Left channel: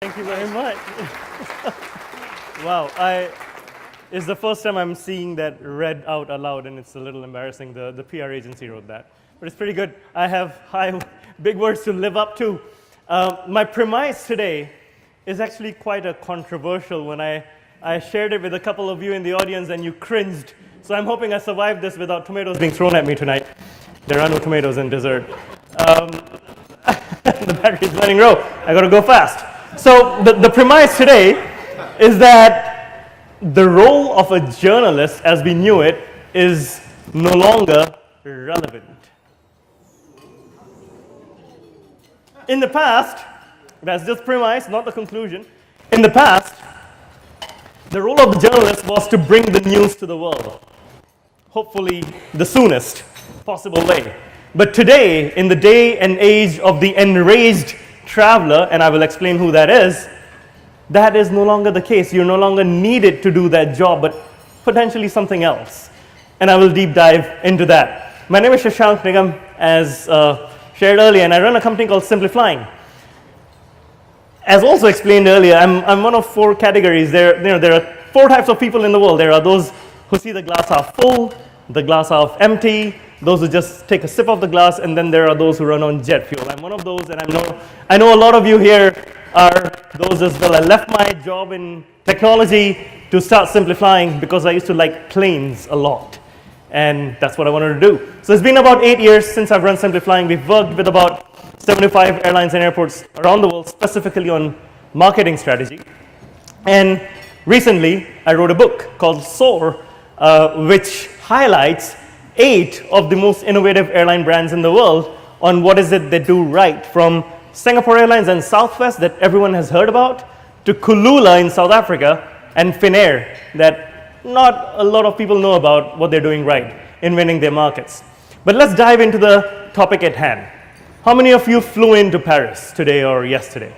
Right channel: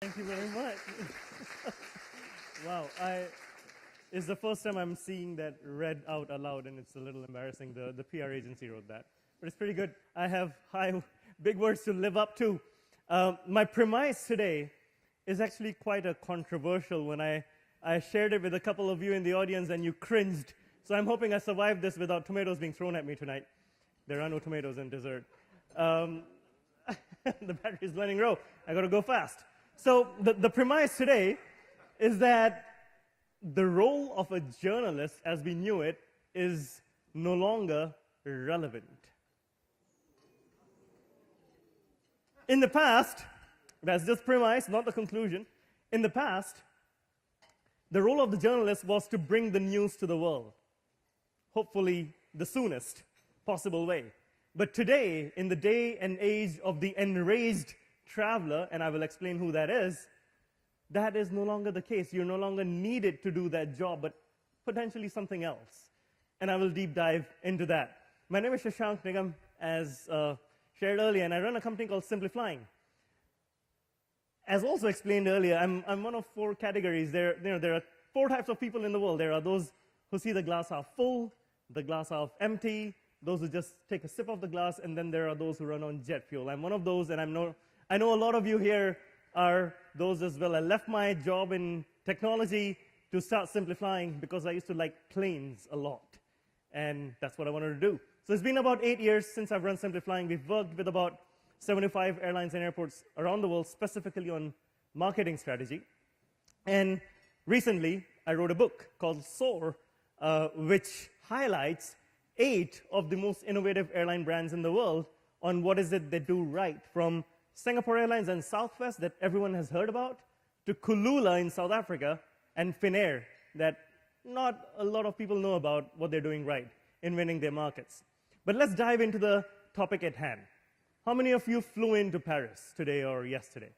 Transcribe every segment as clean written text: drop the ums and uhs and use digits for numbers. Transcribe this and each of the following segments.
Thank you very much. Wow, it's the first time I'm seeing that read out aloud, and it's a little embarrassing. The PR agency wrote that, but it's pretty good. I have big words to live up to. My premise today is actually quite a controversial one. I shared it with a couple of you in the audience, and you cringed. So I'm hoping I survived this without tomatoes being thrown at me tonight. There are no tomatoes in dessert. The battery's running low. I got to go fast. So the premise today is that the role of a journalist, as we knew it, is no longer relevant. In the past, that's just premise, not the conclusion. In the past, the role of the journalist was to bring the news to the world, hopefully the soonest possible way. But today, in the day and age of the enraged traveler, and I will explain who that is no longer the case. You're no longer needed to do that job, but potentially something else. And I will deep dive into that. My name is Shashank Nigam, as shared earlier, and I run a company called SimpliFlying. As also explained earlier, I'm one of four categories. There are four types of people in the world. There are those who see the glass half full, the glass half empty, those who just take a sip of the glass, and then there are those who run on jet fuel. I'm one of those, and I know a lot of you here are those as well. I left my job in technology to start SimpliFlying because I used to like planes a lot, and that's what I wanted to do. So it's been about 8 years since I've run SimpliFlying. We've worked with about 75 airlines and airports around the world, specifically on marketing strategy. And recently, I wrote a book called Soar, which highlights 8 of the most innovative airline brands in the world on what is it they do right, from Singapore Airlines and Southwest that everyone has heard about, to Kulula in South Africa, and Finnair that not a lot of people know about what they're doing right in winning their markets. But let's dive into the topic at hand. How many of you flew into Paris today or yesterday?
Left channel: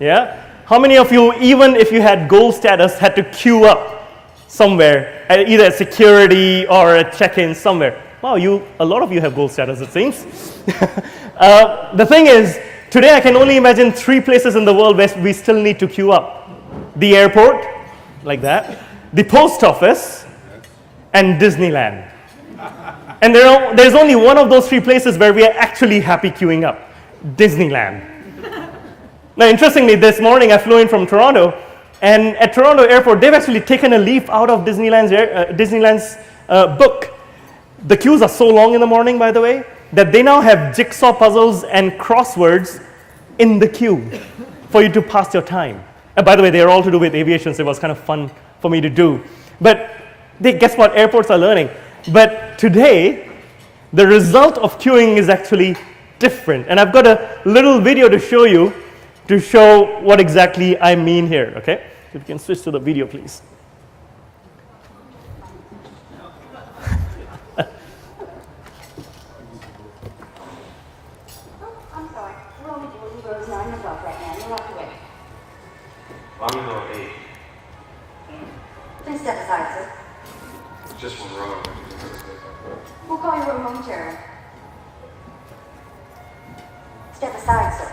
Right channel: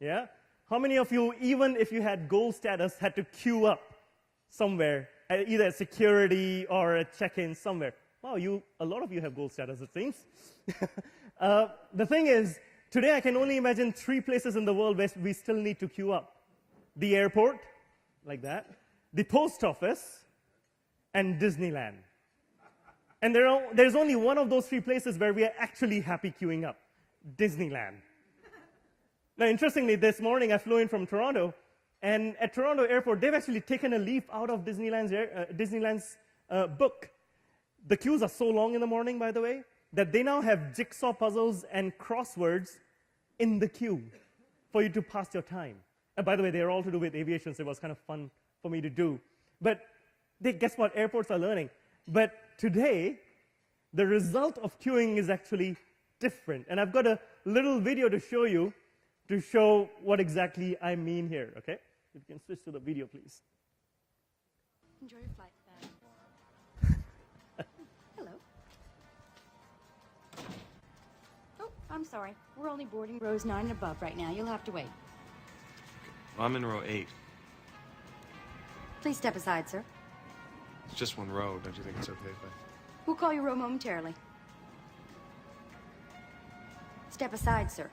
Yeah? How many of you, even if you had gold status, had to queue up somewhere, either at security or at check-in somewhere? Wow, a lot of you have gold status, it seems. The thing is, today I can only imagine 3 places in the world where we still need to queue up. The airport, like that, the post office, and Disneyland. And there's only one of those 3 places where we are actually happy queuing up, Disneyland. Now, interestingly, this morning I flew in from Toronto, and at Toronto Airport, they've actually taken a leaf out of Disneyland's book. The queues are so long in the morning, by the way, that they now have jigsaw puzzles and crosswords in the queue for you to pass your time. And by the way, they are all to do with aviation, so it was kind of fun for me to do. But guess what? Airports are learning. But today, the result of queuing is actually different. And I've got a little video to show you to show what exactly I mean here, okay? If you can switch to the video, please. I'm sorry. We're only boarding rows 9 and above right now. You'll have to wait. I'm in row 8. Please step aside, sir. It's just one row. We'll call you home momentarily. Step aside, sir.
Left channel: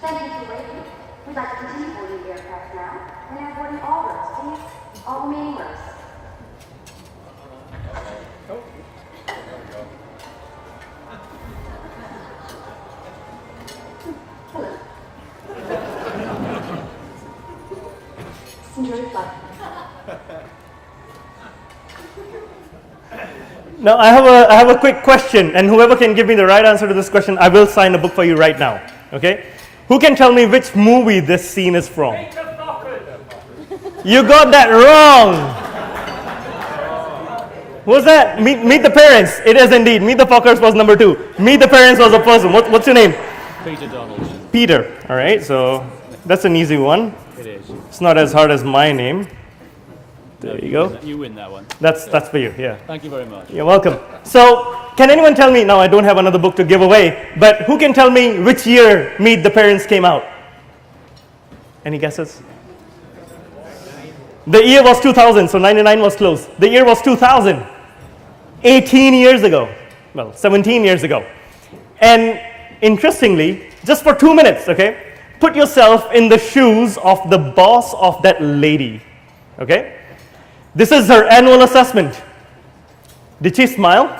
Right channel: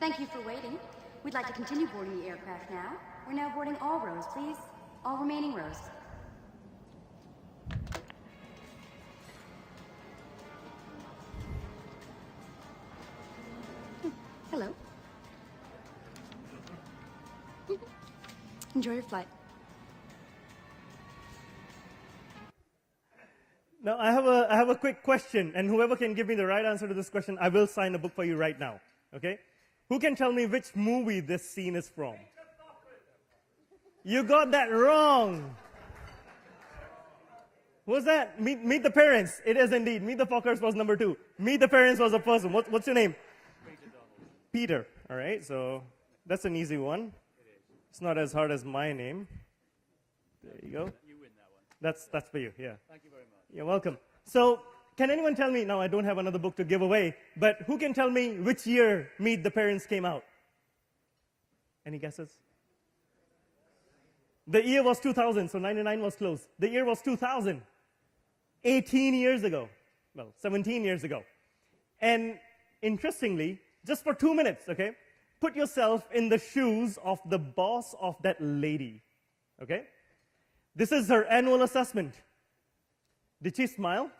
Thank you for waiting. We'd like to continue boarding the aircraft now. We're now boarding all rows, please. All remaining rows. Hello. Enjoy the flight. Now, I have a quick question, and whoever can give me the right answer to this question, I will sign a book for you right now, okay? Who can tell me which movie this scene is from? You got that wrong. Who's that? Meet the Parents. It is indeed. Meet the Fockers was number 2. Meet the Parents was the first one. What's your name? Peter Donald. Peter. All right, so that's an easy one. It is. It's not as hard as my name. There you go. You win that one. That's for you, yeah. Thank you very much. You're welcome. So, can anyone tell me, now I don't have another book to give away, but who can tell me which year Meet the Parents came out? Any guesses? The year was 2000, so 99 was close. The year was 2000, 18 years ago. Well, 17 years ago. And interestingly, just for 2 minutes, okay, put yourself in the shoes of the boss of that lady, okay? This is her annual assessment. Did she smile?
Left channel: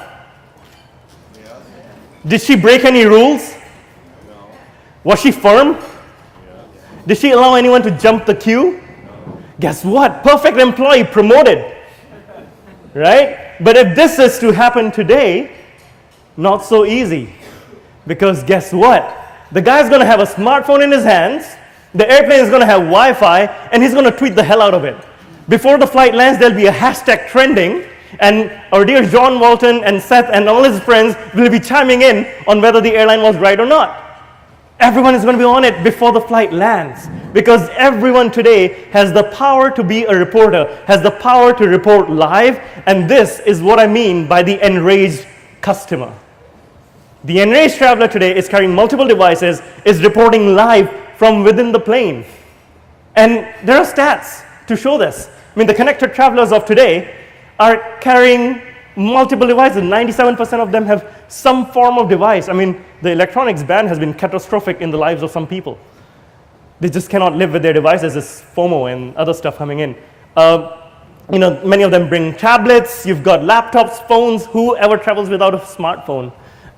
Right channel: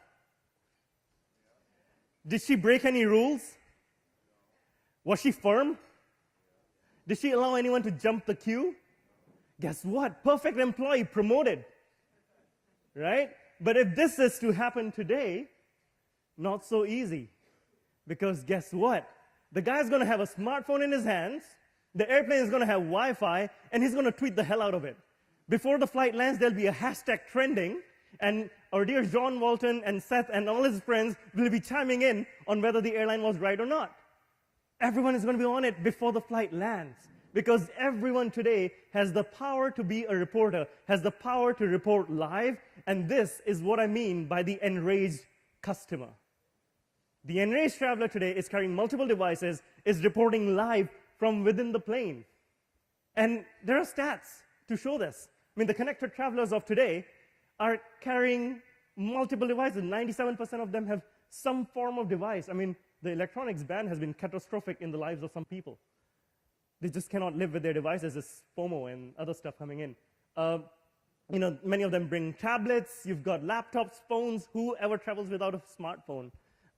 Yes. Did she break any rules? No. Was she firm? Yes. Did she allow anyone to jump the queue? No. Guess what? Perfect employee, promoted. Right? But if this is to happen today, not so easy. Because guess what? The guy's going to have a smartphone in his hands, the airplane is going to have Wi-Fi, and he's going to tweet the hell out of it. Before the flight lands, there'll be a hashtag trending, and our dear John Walton and Seth and all his friends will be chiming in on whether the airline was right or not. Everyone is going to be on it before the flight lands, because everyone today has the power to be a reporter, has the power to report live, and this is what I mean by the enraged customer. The enraged traveler today is carrying multiple devices, is reporting live from within the plane. And there are stats to show this. I mean, the connected travelers of today are carrying multiple devices. 97% of them have some form of device. I mean, the electronics ban has been catastrophic in the lives of some people. They just cannot live with their devices. There's FOMO and other stuff coming in. Many of them bring tablets. You've got laptops, phones. Whoever travels without a smartphone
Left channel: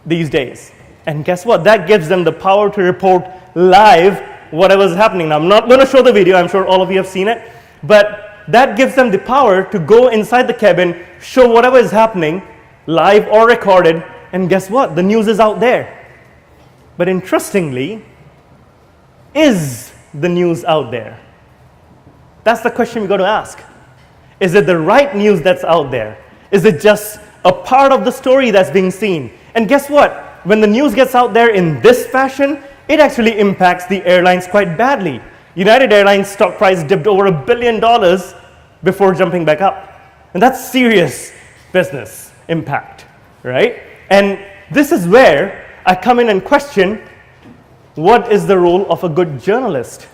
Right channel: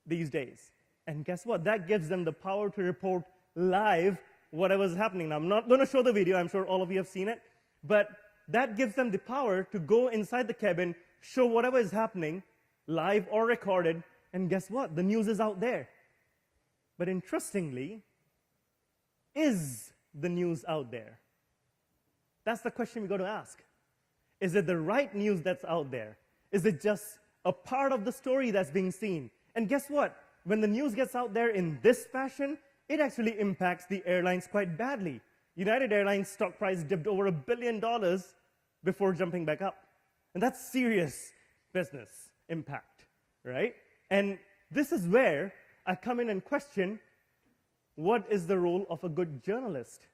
these days? And guess what? That gives them the power to report live whatever's happening. Now, I'm not going to show the video. I'm sure all of you have seen it. But that gives them the power to go inside the cabin, show whatever is happening, live or recorded, and guess what? The news is out there. But interestingly, is the news out there? That's the question we've got to ask. Is it the right news that's out there? Is it just a part of the story that's being seen? And guess what? When the news gets out there in this fashion, it actually impacts the airlines quite badly. United Airlines stock price dipped over $1 billion before jumping back up. And that's serious business impact, right? And this is where I come in and question, what is the role of a good journalist?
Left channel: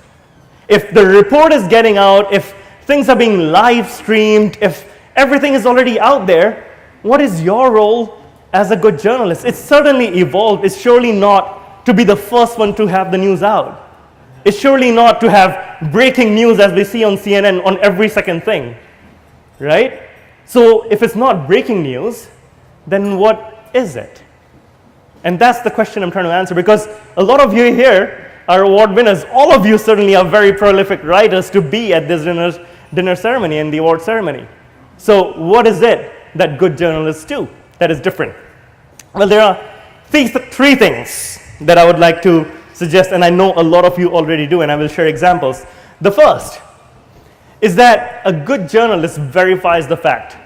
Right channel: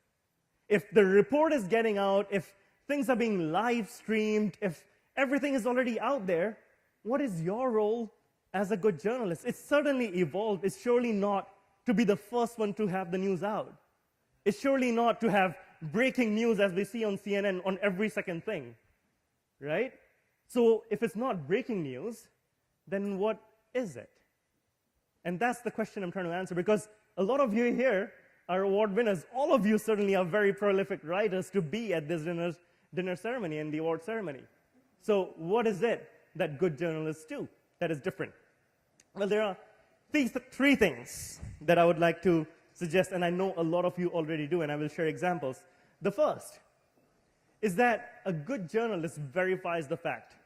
If the report is getting out, if things are being live streamed, if everything is already out there, what is your role as a good journalist? It's certainly evolved. It's surely not to be the first one to have the news out. It's surely not to have breaking news as we see on CNN on every second thing, right? So if it's not breaking news, then what is it? And that's the question I'm trying to answer, because a lot of you here are award winners. All of you certainly are very prolific writers to be at this dinner ceremony and the award ceremony. So what is it that good journalists do that is different? Well, there are three things that I would like to suggest, and I know a lot of you already do, and I will share examples. The first is that a good journalist verifies the fact.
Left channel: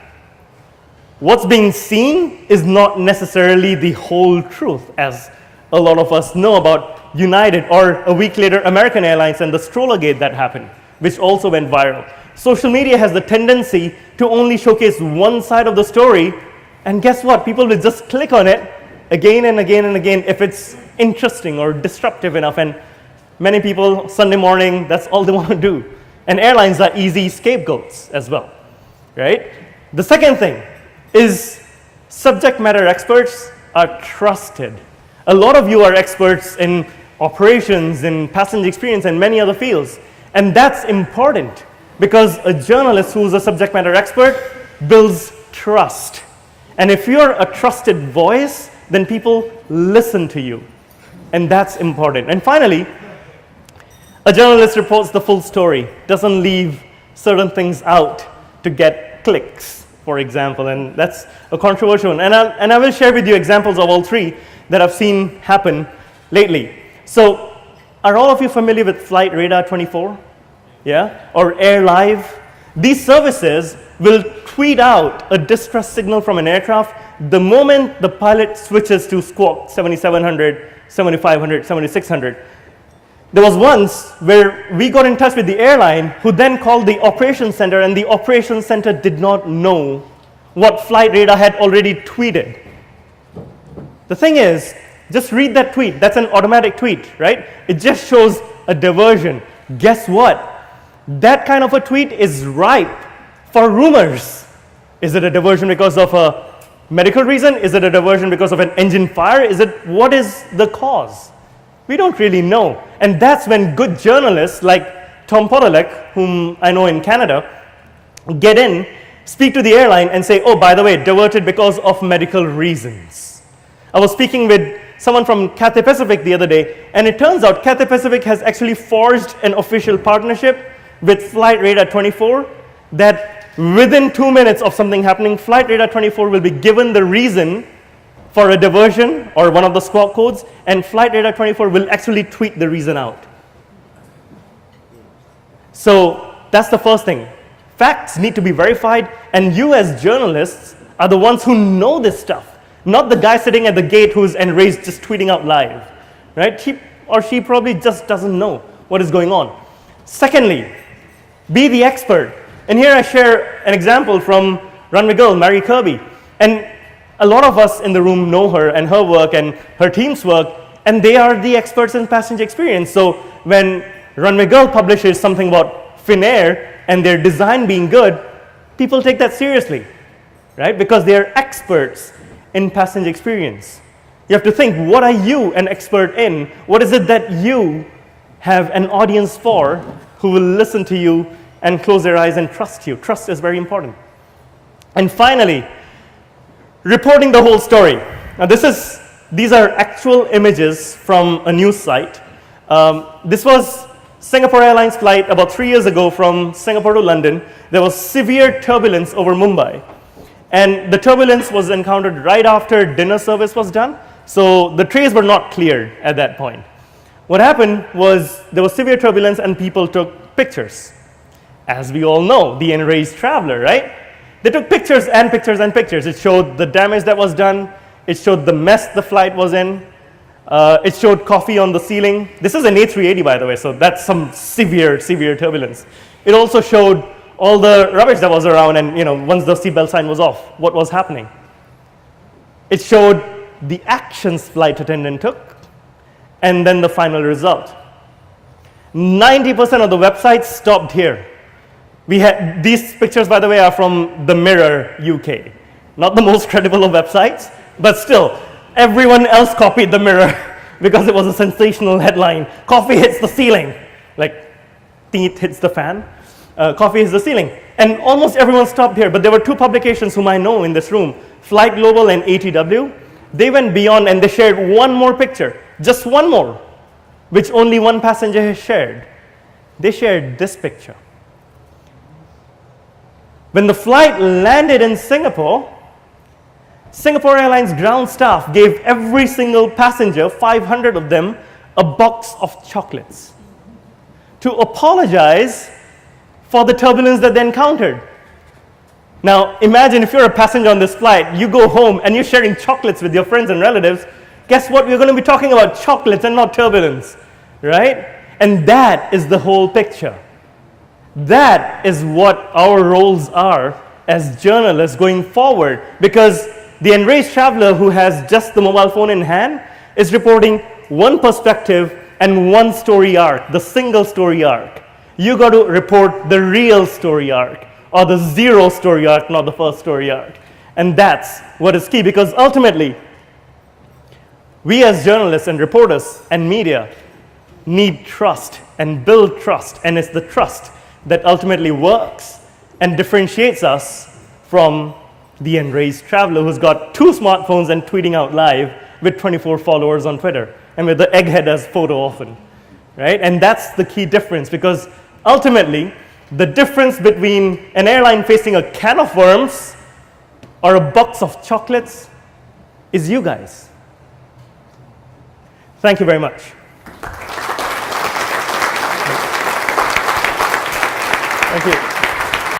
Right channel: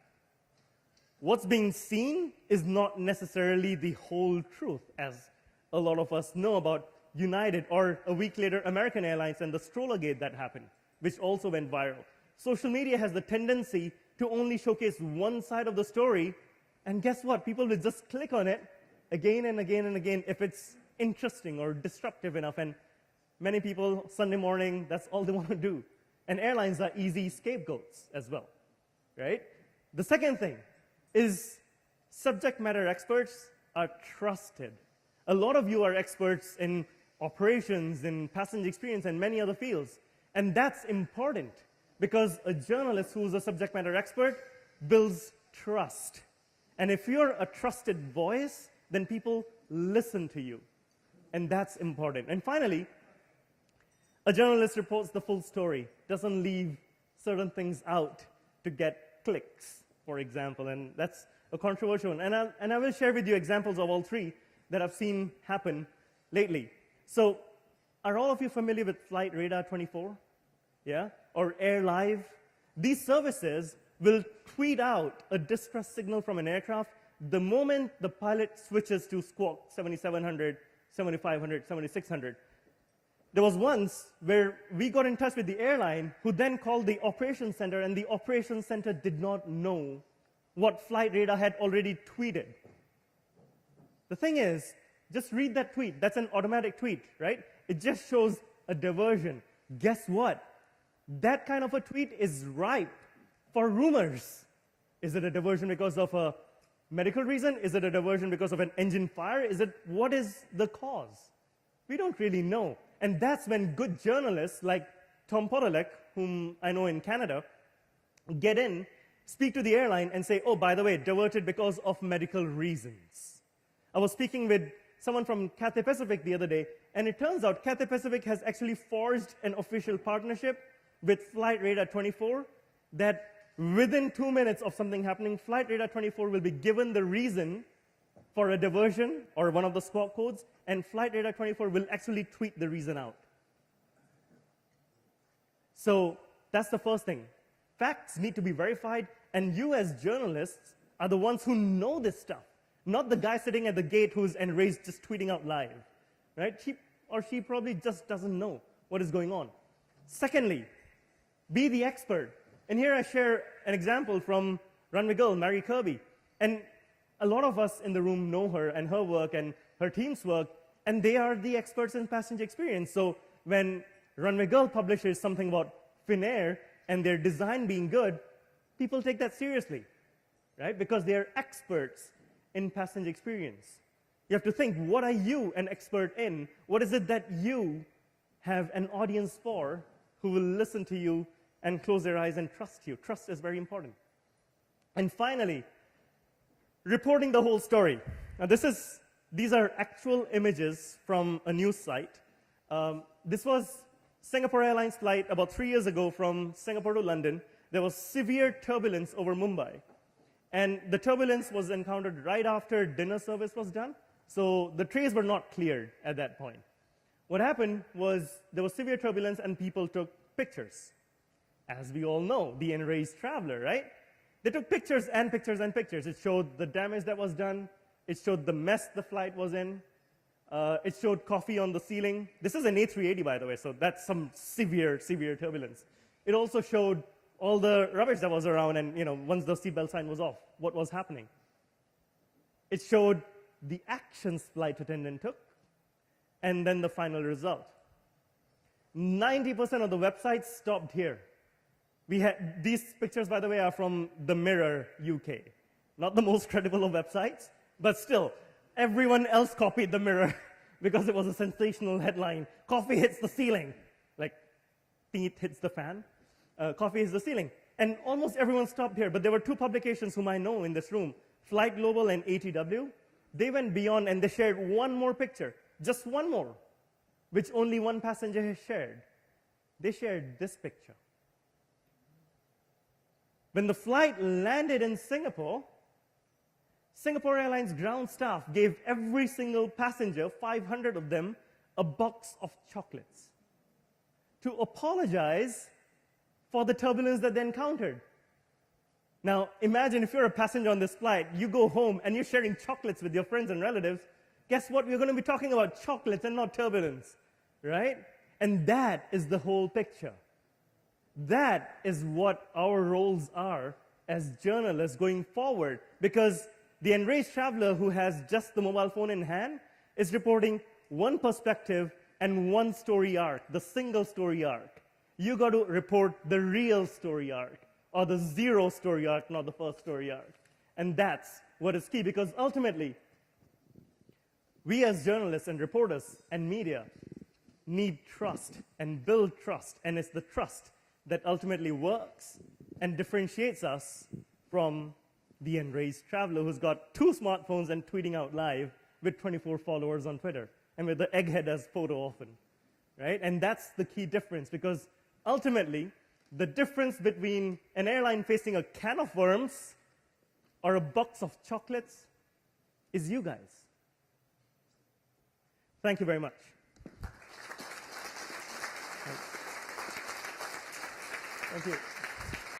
What's being seen is not necessarily the whole truth, as a lot of us know about United, or a week later, American Airlines and the Strollergate that happened, which also went viral. Social media has the tendency to only showcase one side of the story, and guess what? People will just click on it again and again and again if it's interesting or disruptive enough. And many people, Sunday morning, that's all they want to do. And airlines are easy scapegoats as well, right? The second thing is subject matter experts are trusted. A lot of you are experts in operations, in passenger experience, and many other fields. And that's important, because a journalist who's a subject matter expert builds trust. And if you're a trusted voice, then people listen to you. And that's important. And finally, a journalist reports the full story, doesn't leave certain things out to get clicks, for example. And that's a controversial one. And I will share with you examples of all three that I've seen happen lately. So are all of you familiar with Flight Radar 24? Yeah? Or Air Live? These services will tweet out a distress signal from an aircraft the moment the pilot switches to squawk 7700, 7500, 7600. There was once where we got in touch with the airline, who then called the operations center, and the operations center did not know what flight radar had already tweeted. The thing is, just read that tweet. That's an automatic tweet, right? It just shows a diversion. Guess what? That kind of a tweet is ripe for rumors. Is it a diversion because of a medical reason? Is it a diversion because of an engine fire? What is the cause? We don't really know. And that's when good journalists like Tom Podolak, whom I know in Canada, get in, speak to the airline and say, oh, by the way, diverted because of medical reasons. I was speaking with someone from Cathay Pacific the other day, and it turns out Cathay Pacific has actually forged an official partnership with Flight Radar 24 that within 2 minutes of something happening, Flight Radar 24 will be given the reason for a diversion or one of the squawk codes, and Flight Radar 24 will actually tweet the reason out. So that's the first thing. Facts need to be verified, and you as journalists are the ones who know this stuff, not the guy sitting at the gate who's enraged just tweeting out live, right? He or she probably just doesn't know what is going on. Secondly, be the expert. And here I share an example from runway girl, Mary Kirby. And a lot of us in the room know her and her work and her team's work, and they are the experts in passenger experience. So when Runway Girl publishes something about Finnair and their design being good, people take that seriously, right? Because they are experts in passenger experience. You have to think, what are you an expert in? What is it that you have an audience for who will listen to you and close their eyes and trust you? Trust is very important. And finally, reporting the whole story. Now these are actual images from a news site. This was Singapore Airlines flight about 3 years ago from Singapore to London. There was severe turbulence over Mumbai. And the turbulence was encountered right after dinner service was done. So the trays were not cleared at that point. What happened was there was severe turbulence and people took pictures. As we all know, the enraged traveler, right? They took pictures and pictures and pictures. It showed the damage that was done. It showed the mess the flight was in. It showed coffee on the ceiling. This is an A380, by the way, so that's some severe, severe turbulence. It also showed all the rubbish that was around, and once the seatbelt sign was off, what was happening. It showed the actions flight attendant took, and then the final result. 90% of the websites stopped here. We had these pictures, by the way, are from the Mirror UK. Not the most credible of websites, but still, everyone else copied the Mirror because it was a sensational headline. Coffee hits the ceiling, like teeth hits the fan. Coffee hits the ceiling. And almost everyone stopped here, but there were two publications whom I know in this room, Flight Global and ATW. They went beyond and they shared one more picture, just one more, which only one passenger has shared. They shared this picture. When the flight landed in Singapore, Singapore Airlines ground staff gave every single passenger, 500 of them, a box of chocolates to apologize for the turbulence that they encountered. Now, imagine if you're a passenger on this flight, you go home and you're sharing chocolates with your friends and relatives. Guess what? We're going to be talking about chocolates and not turbulence, right? And that is the whole picture. That is what our roles are as journalists going forward, because the enraged traveler who has just the mobile phone in hand is reporting one perspective and one story arc, the single story arc. You got to report the real story arc, or the zero story arc, not the first story arc. And that's what is key, because ultimately, we as journalists and reporters and media need trust and build trust, and it's the trust that ultimately works and differentiates us from the enraged traveler who's got 2 smartphones and tweeting out live with 24 followers on Twitter, and with the egghead as photo often, right? And that's the key difference, because ultimately, the difference between an airline facing a can of worms or a box of chocolates is you guys. Thank you very much. Thank you.